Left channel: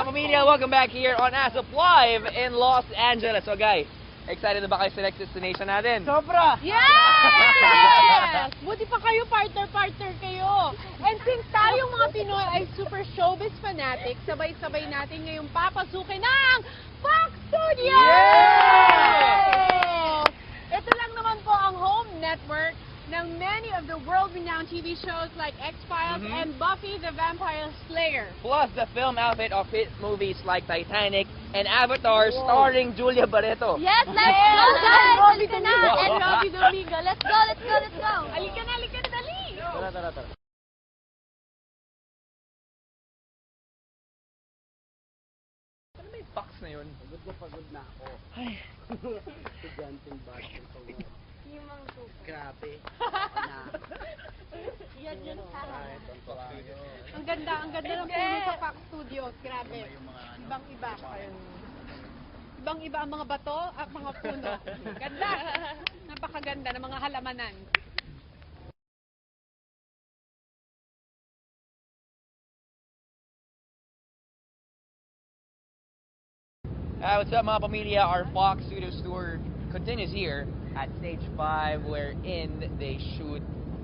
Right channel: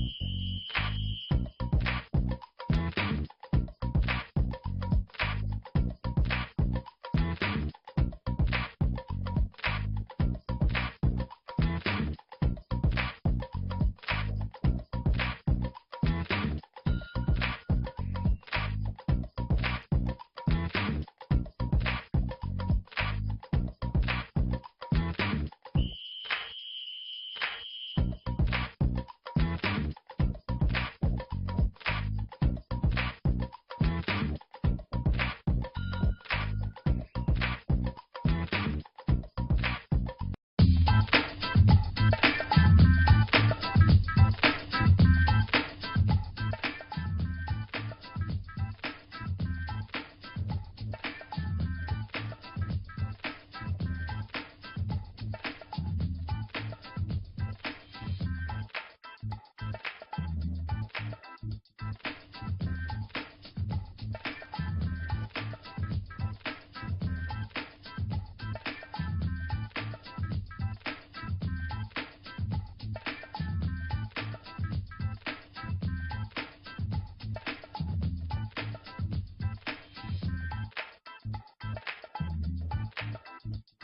Mga pamilya, welcome back here on ASAP Live in Los Angeles. So guys, excited na ba kayo sa next destination natin? Sobra! Yes! Buti pa kayo, partner kayo. And since tayo mga Pinoy ay super showbiz fanatics, sabay-sabay natin ngayong papasukin ng Fox Studios! Yeah! Ito lang naman po ang home network ng many of the world-renowned TV shows like X-Files and Buffy the Vampire Slayer. Plus the film outfit of hit movies like Titanic and Avatar starring Julia Barreto. Yes, let's go, guys! Robbie Halika na! Domingo. And Robbie Domingo. Let's go, let's go, let's go! Halika na, dali! Tara. Ang ganda ng puno sa Fox Studios. Grabe. Ibang-iba. Ibang-iba ang mga bato at mga puno. Ganda. Napakaganda ng mga halamanan. What's up mga pamilya? Our Fox Studios tour continues here at Stage 5 wherein they shoot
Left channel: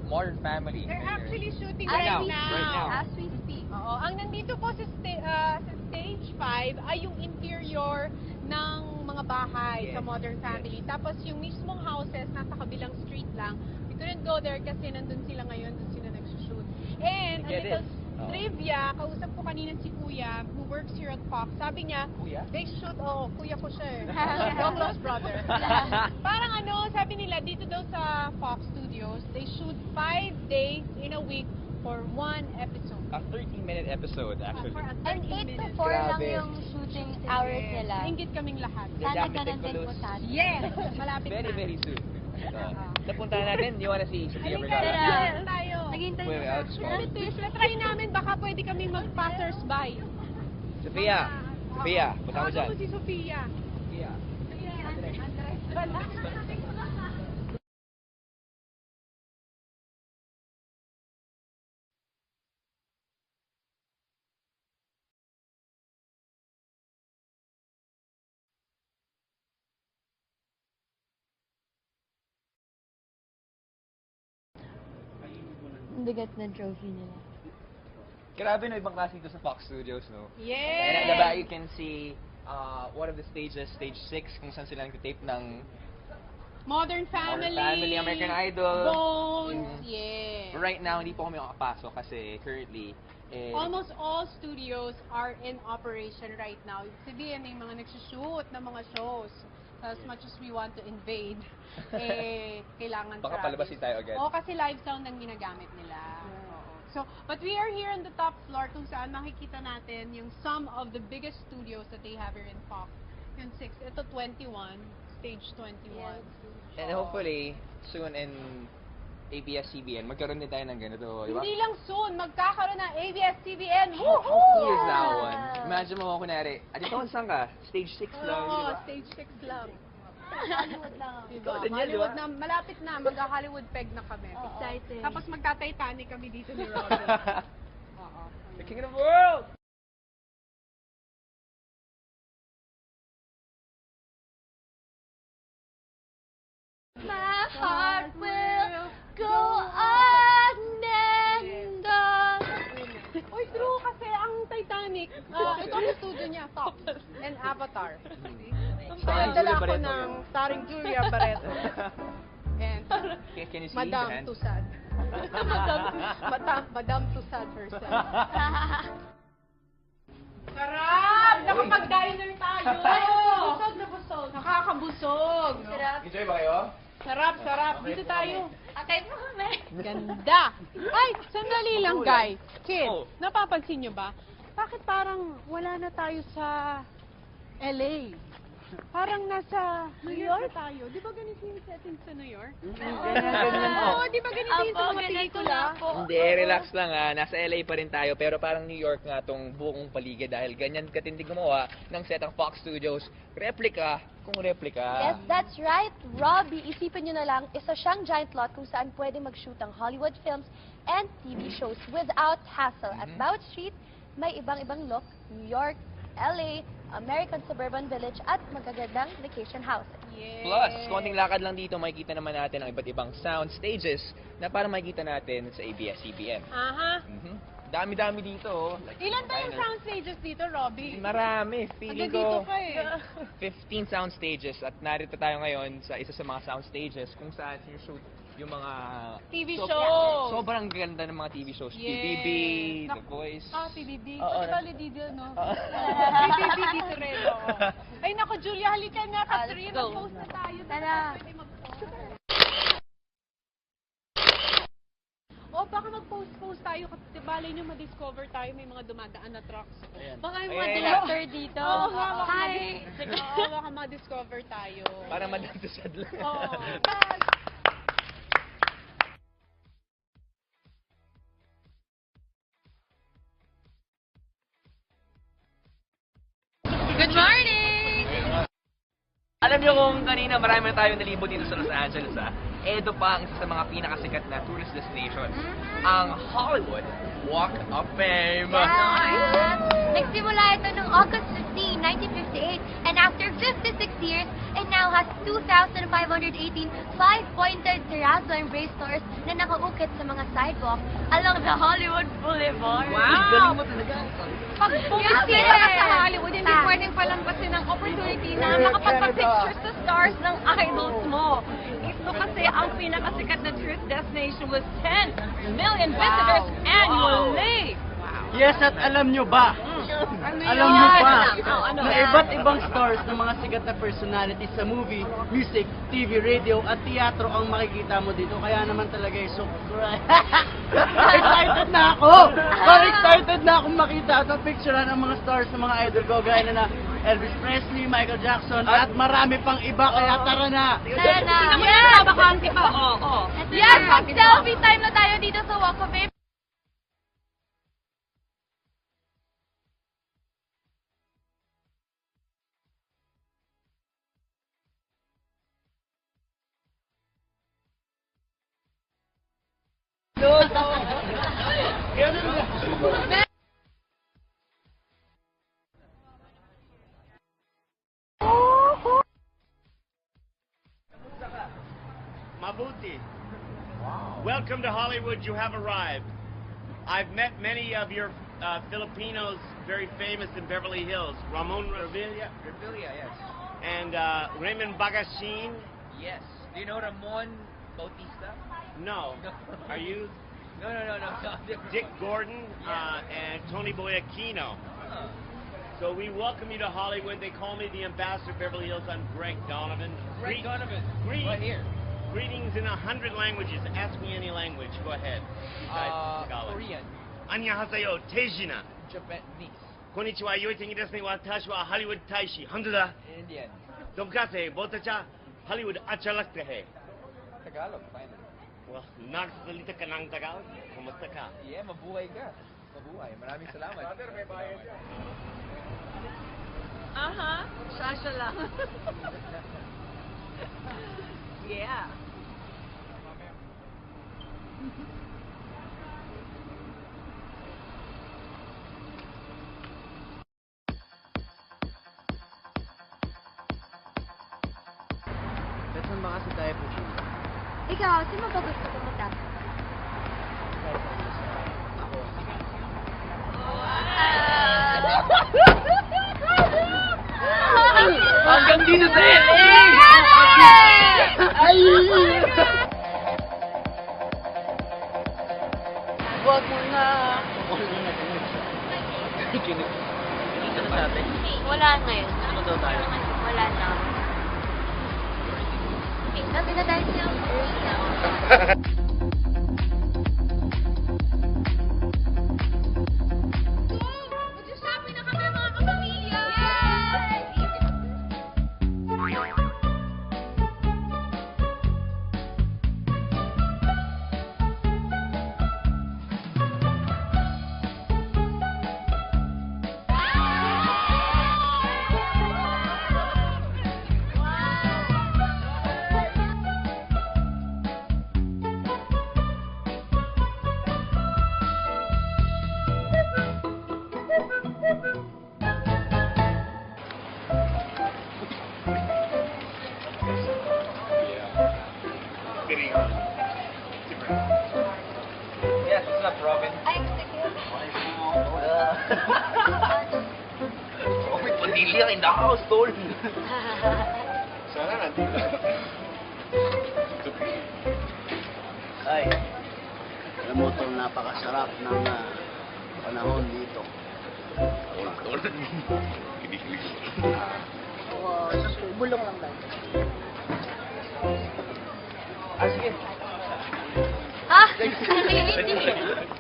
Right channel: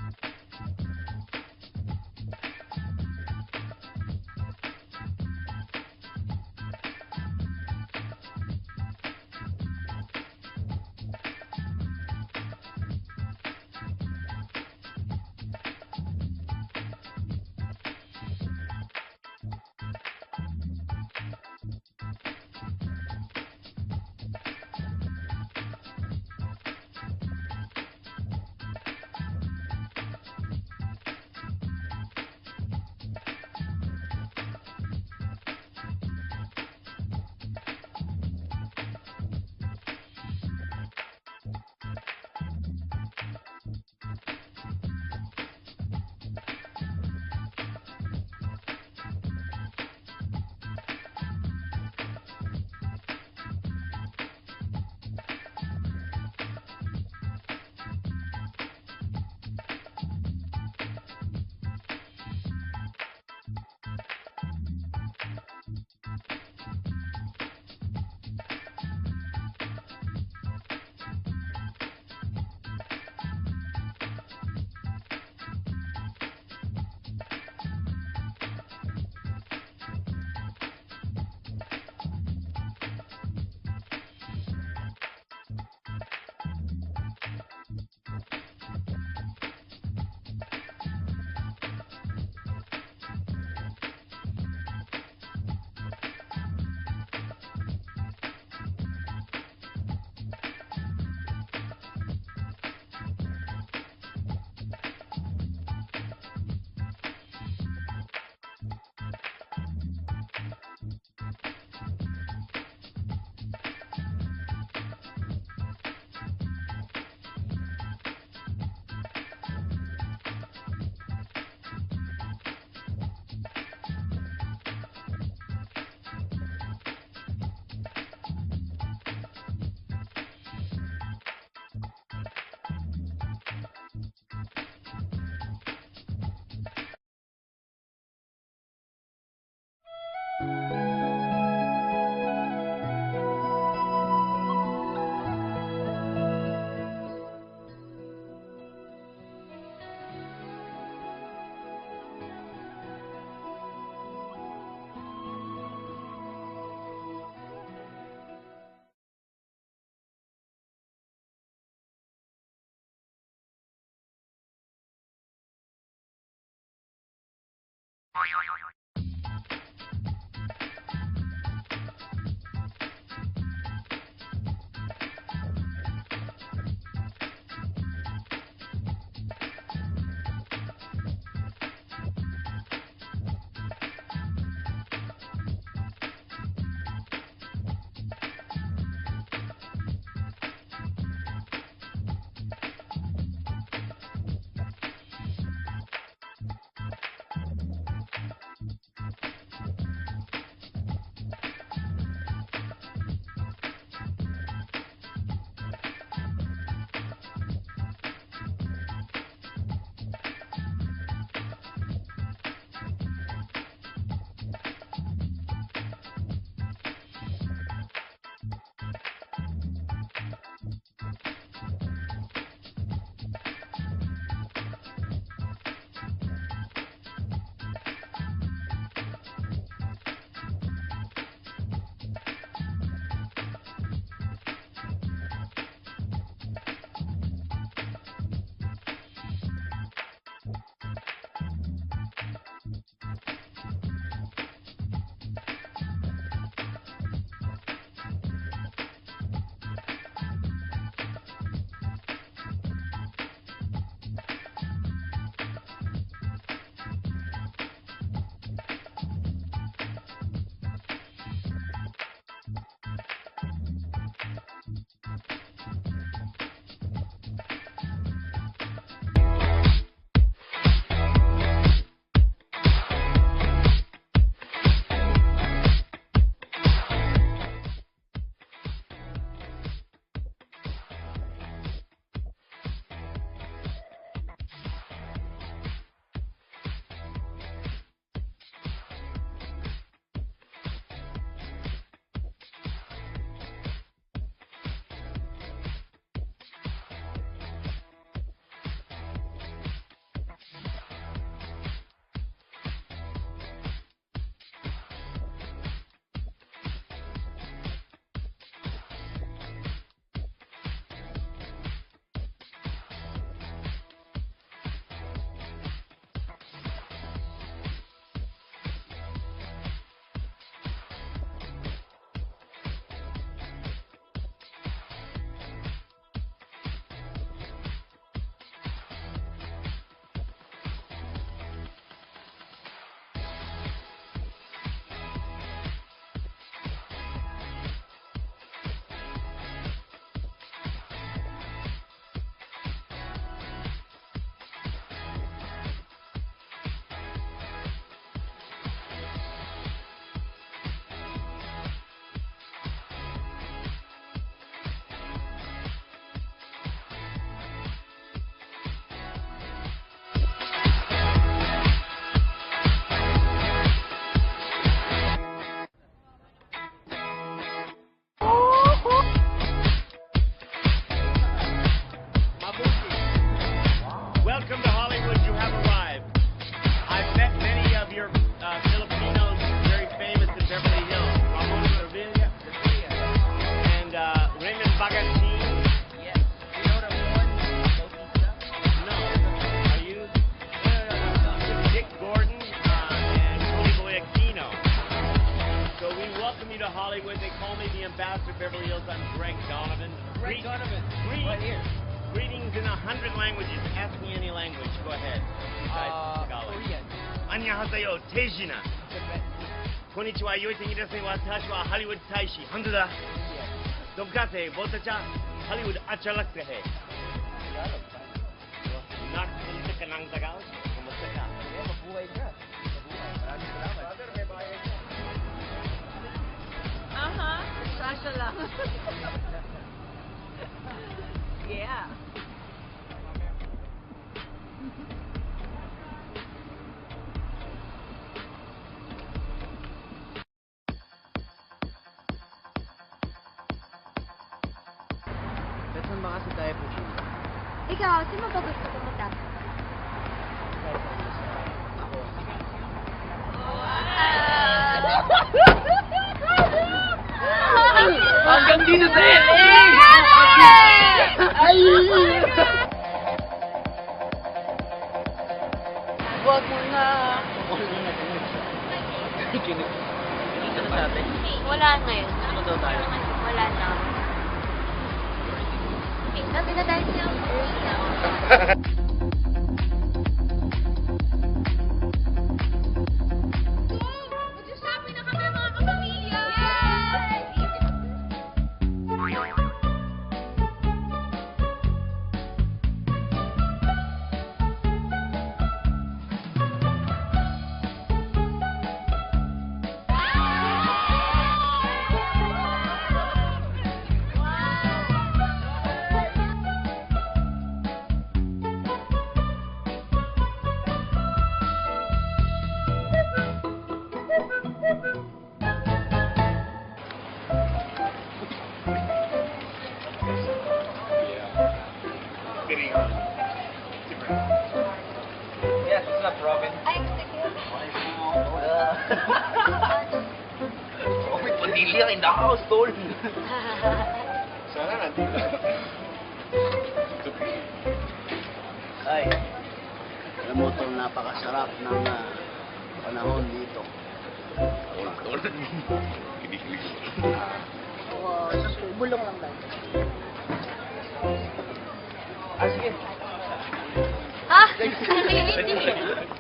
Modern Family. They're actually shooting Right right now. now. As we speak. Oo. Ang nandito po sa Stage 5 ay yung interior ng mga bahay sa Modern Family. Tapos yung mismong houses nasa kabilang street lang. We couldn't go there kasi nandun sila ngayon kung sila nag-shoot. And a Get little it. trivia, kausap ko kanina si Kuya who works here at Fox. Sabi niya, they shoot, kuya ko siya eh. Close brother. Parang sabi nila, dito daw sa Fox Studios, they shoot 5 days in a week for one episode. A 13-minute episode actually. And 8 to 4 lang Grabe. yung shooting hours nila. Ingit kaming lahat. Sana ganun din sa atin. Yes! Malapit Very, na. very soon. So, napuntahan natin, you wanna see Sofia Halika Vergara? na, Tara. tayo. Naghihintay Wait, na. outside. Try namin, baka pwede kaming mag-passers-by. Sofia, punta mo dyan. Ako si Sofia. Sofia. Wala. Ang bigat na trophy nila. Grabe no, ibang klase ito sa Fox Studios, no? And Yes! at the back, you can see one of the stages, stage 6, kung saan sila nag-tape ng Modern Modern Family. Family, American Idol. Bones. Yeah. Right now, hindi po kami makapasok kasi currently, Almost all studios are in operation right now. Kasi may mga nagsushoot ng mga shows. So as much as we want to invade, kailangan baka sarado. palabasin tayo agad. Oo, kasi live sound ang ginagamit nila. So, but we are here on the top floor kung saan makikita natin yung some of the biggest studios that they have here in Fox. Yung 6 to 21, stage 21. And hopefully, soon in ABS-CBN, magkaroon din tayo ng ganito, di ba? Hindi lang soon, magkakaroon ng ABS-CBN. Two Woohoo! years na one. Imagine mo, kunwari, ito saan ka? Stage 6 lang, di Oo, ba? stage 6 lang. Ikaw din yan, di ba? Hollywood na, malapit na, magka-Hollywood peg na kami. Excited. Tapos magka-Titanic kami dito ni Robin. Oo. The king of the world! My heart will go on and on. Uy, true kasi ang Titanic, ito ang studio niya, Fox and Avatar. Starring Dala Julia ko Barreto. ng starring Julia Barreto. And Can you see Madame the hand? Tussad. Madame Tussad herself. Sarap! Nakapag-diner tayo! Busog na busog. Nakakabusog. Enjoy ba kayo? Sarap. Dito tayo. Atay mo kami. Ganda. Ay, sandali lang, guys. Kids, Oh. napapansin niyo ba? Bakit parang wala na tayo sa LA? Parang nasa New York tayo. Di ba ganito yung setting sa New York? ganyan po. Oo, di ba ganito yung sa mga pelikula? Hindi, relax lang Nasa LA pa rin tayo, pero parang New York nga tong buong paligid dahil ganyan katindi gumawa ng set ng Fox Studios. Replica, kung replica. Yes, that's right. Robbie, isipin nyo na lang, isa siyang giant lot kung saan pwede mag-shoot ang Hollywood films and TV shows without hassle. At bawat street, may ibang-ibang look, New York, LA, American Suburban Village at magagandang vacation house. Plus, konting lakad lang dito, makikita naman natin ang iba't ibang sound stages na para makikita natin sa ABS-CBN. Aha. Dami-dami dito. Oh. Ilan ba yung sound stages dito, Robby? Marami. Feeling ko Dito ka eh. 15 sound stages at narito tayo ngayon sa isa sa mga sound stages kung saan yung mga TV So- show. sobrang ganda ng mga TV shows. Yes. PBB, The Voice. Ah, PBB. Oo. Bali dito, no? Oo. PBB dito rin, oo. Ay, naku, Julia, halika na. Kasi let's go. mag-post na tayo. Tara! Baka mag-post tayo kasi balay niyo ma-discover tayo may mga dumadaan na truck. Baka yung mga Ayan. director dito. Oo, baka Hi! Oo, baka ma-discover tayo. Para madagdasan lang. Oo. Good morning! Alam niyo kung kanina marami na tayong nalibot dito sa Los Angeles, ito pa ang isa sa mga pinakasikat na tourist destination, ang Hollywood Walk of Fame. Nagsimula ito noong August 15, 1958, and after 56 years, it now has 2,518 five-pointed terrazzo and raised stores na nakaukit sa mga sidewalk along the Hollywood Boulevard. Galing mo talaga. Pag pumunta ka sa Hollywood, hindi pwedeng palampasin ang opportunity na makapagpa-pictures sa stars ng idols mo. Ito kasi ang pinakasikat na tourist destination with 10 million visitors annually. Yes, at alam nyo ba? Alam nyo ba na iba't ibang stars ng mga sikat na personalities sa movie, music, TV, radio at teatro ang makikita mo dito. Kaya naman talaga so excited na ako! Parang excited na akong makita at mapicturean ang mga stars ng mga idol ko gaya na Elvis Presley, Michael Jackson at marami pang iba. Kaya tara na! Tara na! Yes! Bakante pa, oo. Yes! Mag-selfie time na tayo dito sa Walk of Fame. Mabuti. Welcome to Hollywood. You have arrived. I've met many of your Filipinos very famous in Beverly Hills. Ramon Revilla and Raymond Bagachin. Yes. Do you know Ramon Bautista? No. Are you? No. Dick Gordon and Tony Boyacino. So we welcome you to Hollywood. They call me the ambassador of Beverly Hills. I'm Greg Donovan. Greg Donovan. Greet- Right here. Greetings in 100 languages. Ask me any language. Go ahead. Besides Tagalog. Korean. 안녕하세요. 태진아. Japanese. konnichiwa. 요이생이 됐으니 와타시와 할리우드 다이시. 한두다. Indian. 돈까세. 보타차. 할리우드 아찰락te hai. Tagalog. Fine. Nagsalita ka ng Tagalog? Kumusta ka? Yeah, mabuhay ka. Mabuhay. Maraming salamat. Brother, may bayad ka. Aha. Sasha lang. Yeah. Saan ba kasi tayo pupunta? Ikaw, saan mo ba gusto pumunta? Hanggang dito sa LA! Ay! Huwag mo na! Dito na sabi. Wala ngayon. Ano daw tayo? Wala na. Okay, sabi na tayo sa Delia in the house, tol. Sana nandito. Ay, alam mo tol, napakasarap ng panahon dito. Tol. Kinig-kinig. Bulong lang daw. Ah, sige. Ha? Ano yun?